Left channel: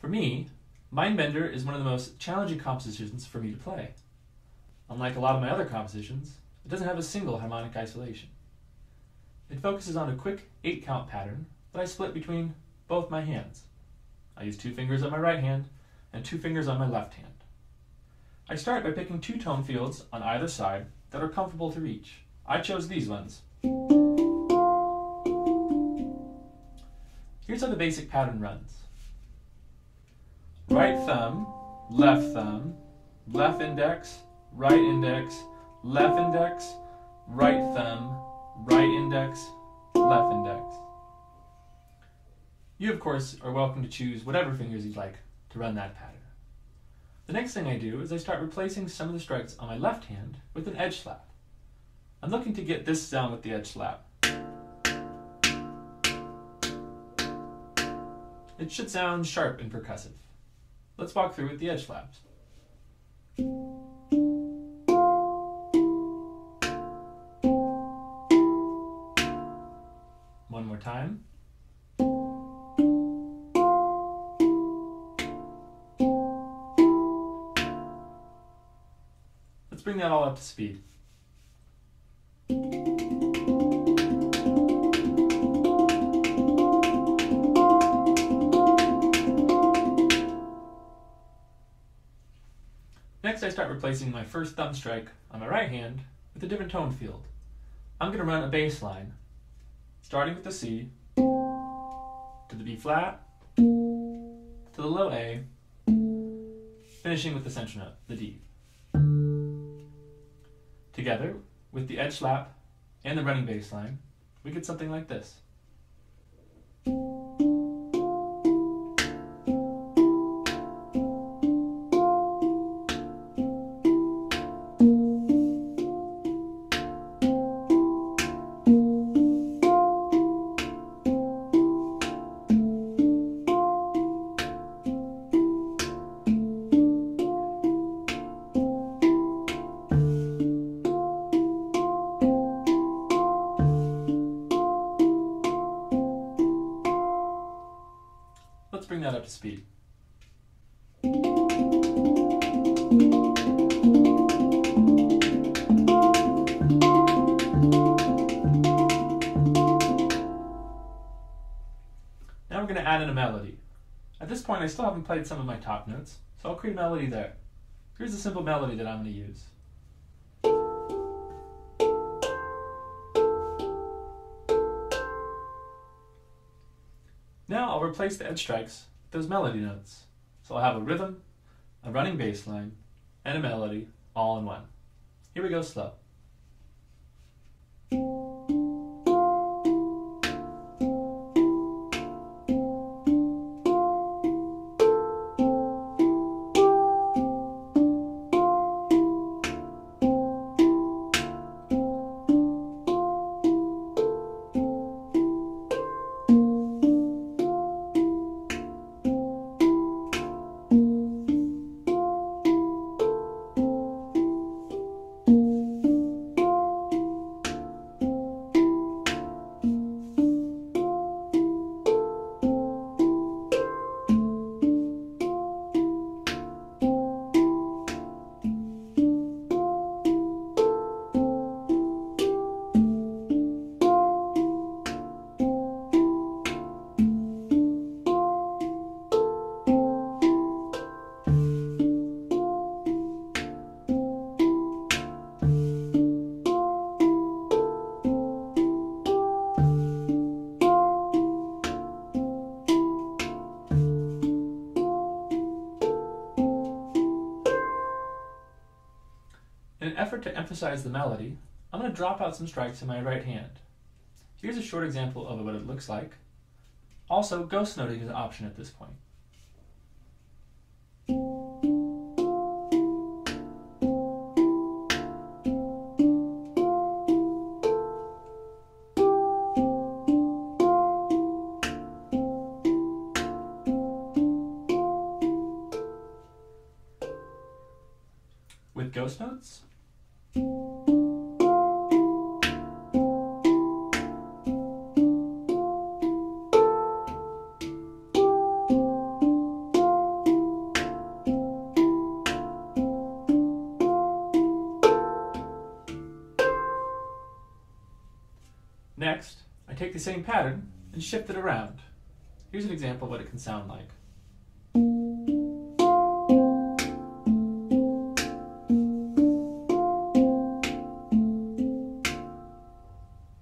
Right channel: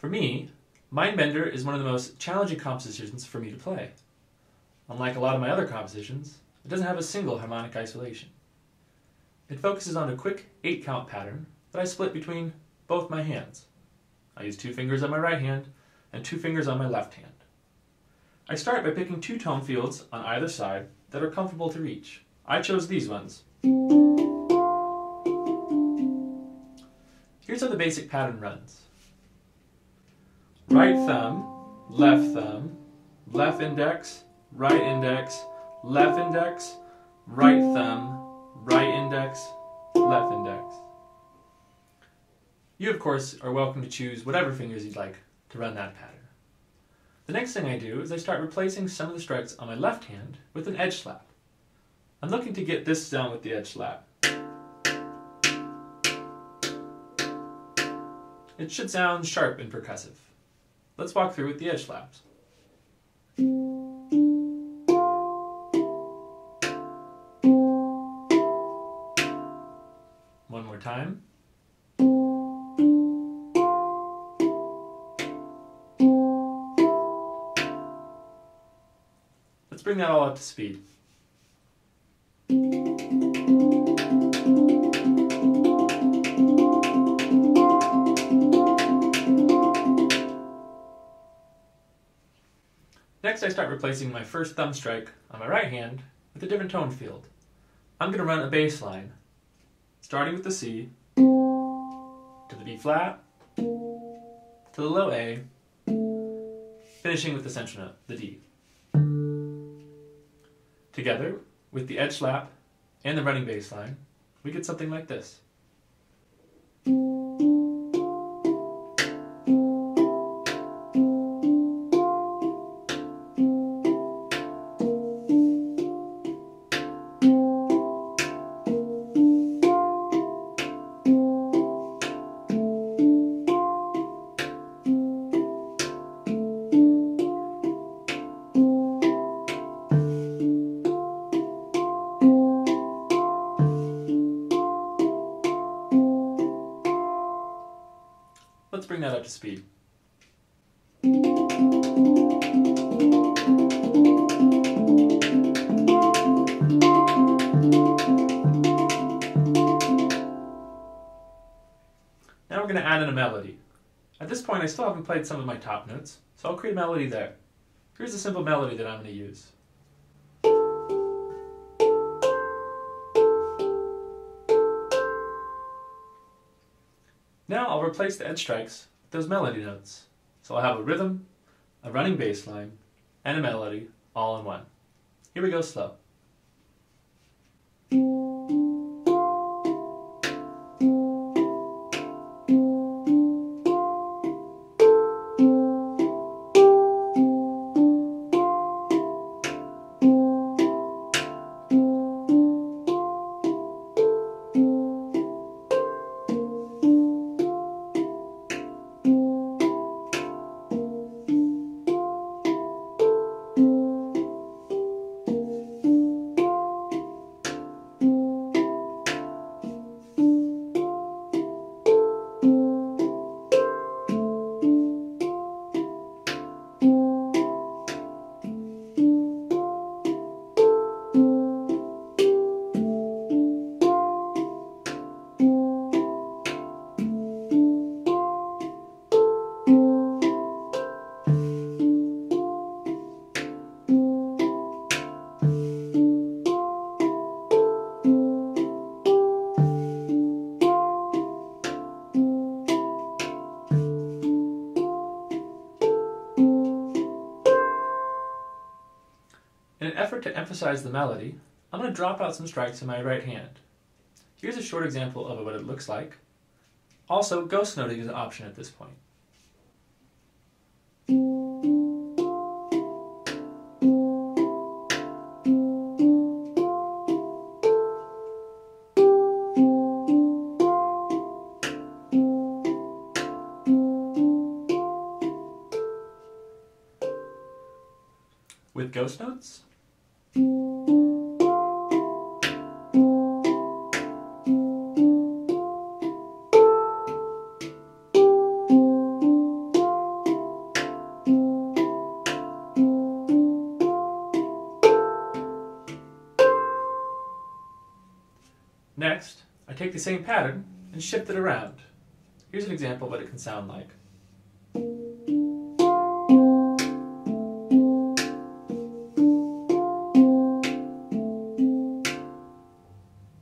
For me, Mindbender is one of the most challenging compositions for me to play. Unlike a lot of my other compositions, it doesn't have a single harmonic isolation. It focuses on a quick 8-count pattern that I split between both my hands. I use 2 fingers on my right hand and 2 fingers on my left hand. I start by picking 2 tone fields on either side that are comfortable to reach. I chose these ones. Here's how the basic pattern runs. Right thumb, left index, right index, left index, right thumb, right index, left index. You, of course, are welcome to choose whatever fingers you'd like to run that pattern. The next thing I do is I start replacing some of the strikes on my left hand with an edge slap. I'm looking to get this sound with the edge slap. It should sound sharp and percussive. Let's walk through with the edge slaps. One more time. Let's bring that all up to speed. Next, I start replacing my first thumb strike on my right hand with a different tone field. I'm going to run a bass line, starting with the C, to the B flat, to the low A, finishing with the central note, the D. Together, with the edge slap and the running bass line, we get something like this. Let's bring that up to speed. Now we're going to add in a melody. At this point I still haven't played some of my top notes, so I'll create a melody there. Here's a simple melody that I'm going to use. Now I'll replace the edge strikes with those melody notes. So I'll have a rhythm, a running bass line, and a melody all in one. Here we go slow. In an effort to emphasize the melody, I'm going to drop out some strikes in my right hand. Here's a short example of what it looks like. Also, ghost noting is an option at this point. With ghost notes, take the same pattern and shift it around. Here's an example of what it can sound like.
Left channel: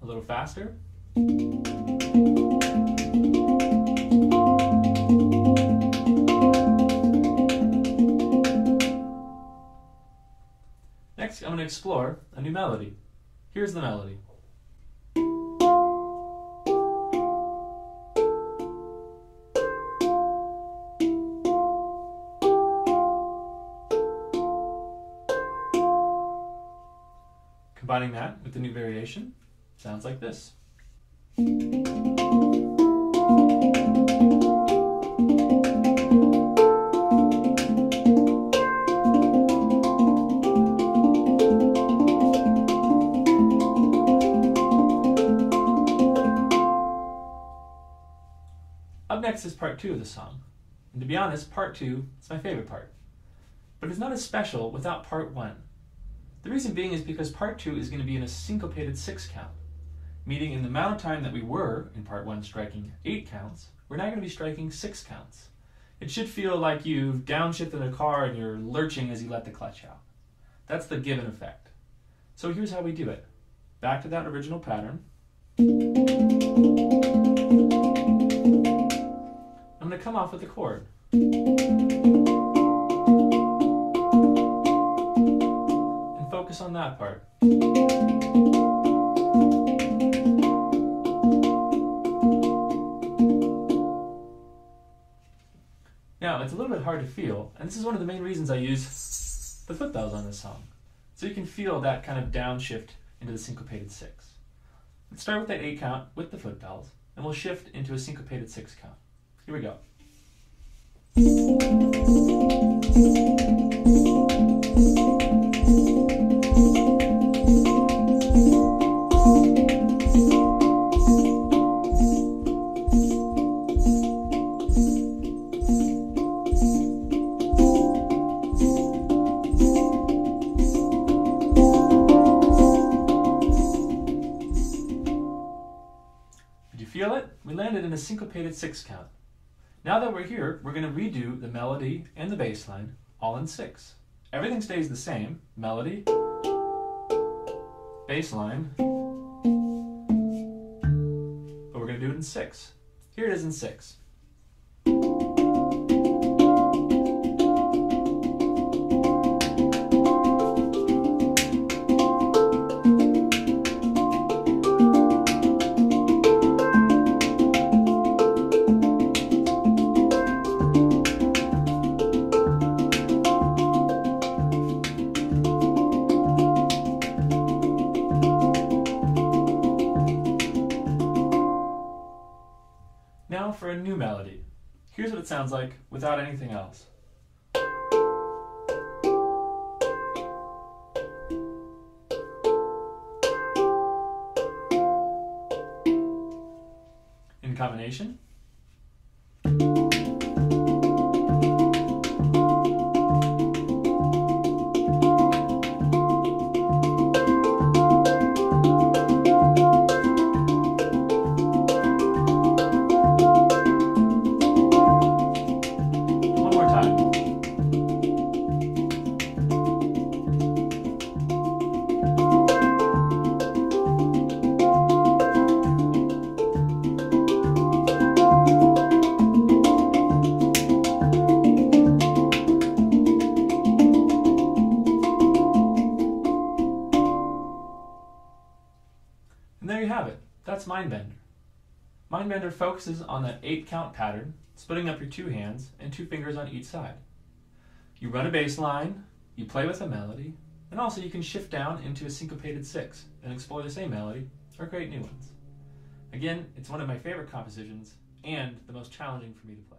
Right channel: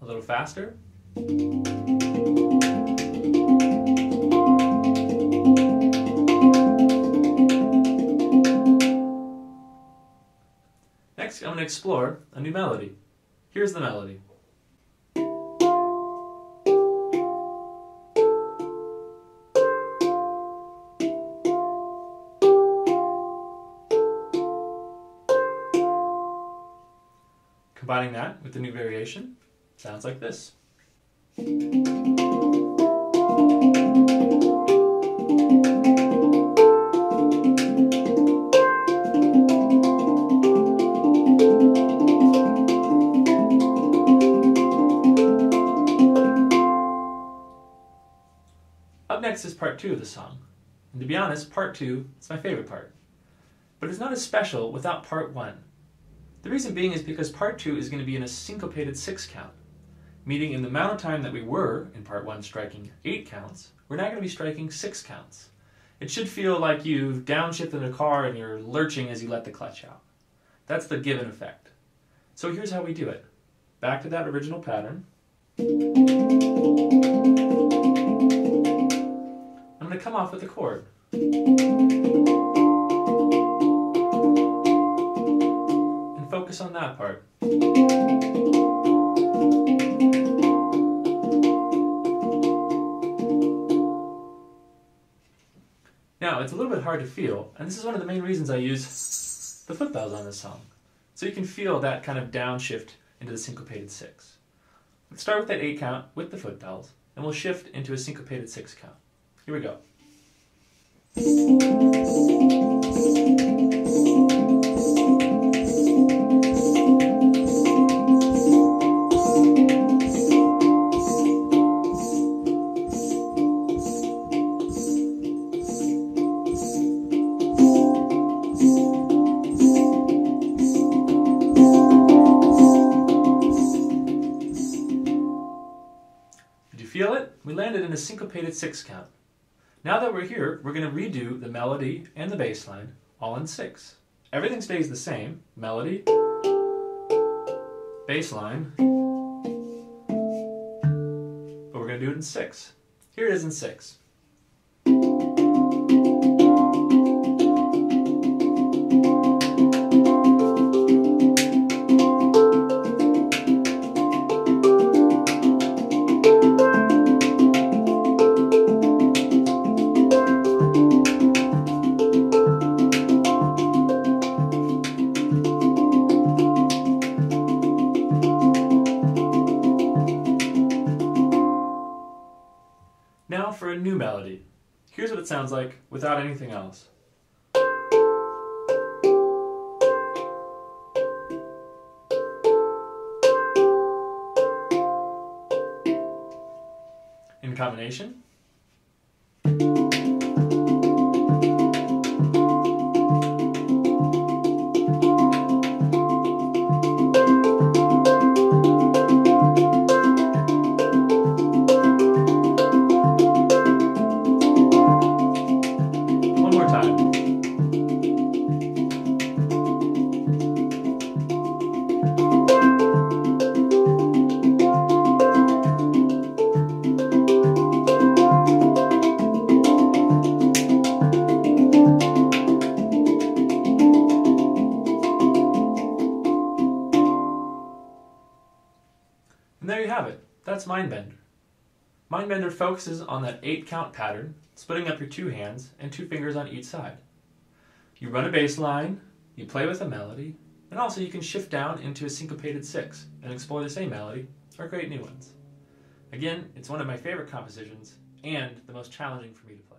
A little faster. Next, I'm going to explore a new melody. Here's the melody. Combining that with the new variation, sounds like this. Up next is part 2 of the song. And to be honest, part 2 is my favorite part. But it's not as special without part 1. The reason being is because part 2 is going to be in a syncopated 6 count, meaning in the amount of time that we were in part 1 striking 8 counts, we're now going to be striking 6 counts. It should feel like you've downshifted a car and you're lurching as you let the clutch out. That's the given effect. So here's how we do it. Back to that original pattern. I'm going to come off with a chord. Focus on that part. Now, it's a little bit hard to feel, and this is one of the main reasons I use the foot bells on this song. So you can feel that kind of downshift into the syncopated 6. Let's start with that 8 count with the foot bells, and we'll shift into a syncopated 6 count. Here we go. Feel it? We landed in a syncopated 6 count. Now that we're here, we're going to redo the melody and the bass line all in 6. Everything stays the same. Melody, bass line, but we're going to do it in 6. Here it is in 6. Now for a new melody. Here's what it sounds like without anything else. In combination. And there you have it. That's Mindbender. Mindbender focuses on that 8 count pattern, splitting up your 2 hands and 2 fingers on each side. You run a bass line, you play with a melody, and also you can shift down into a syncopated 6 and explore the same melody or create new ones. Again, it's one of my favorite compositions and the most challenging for me to play.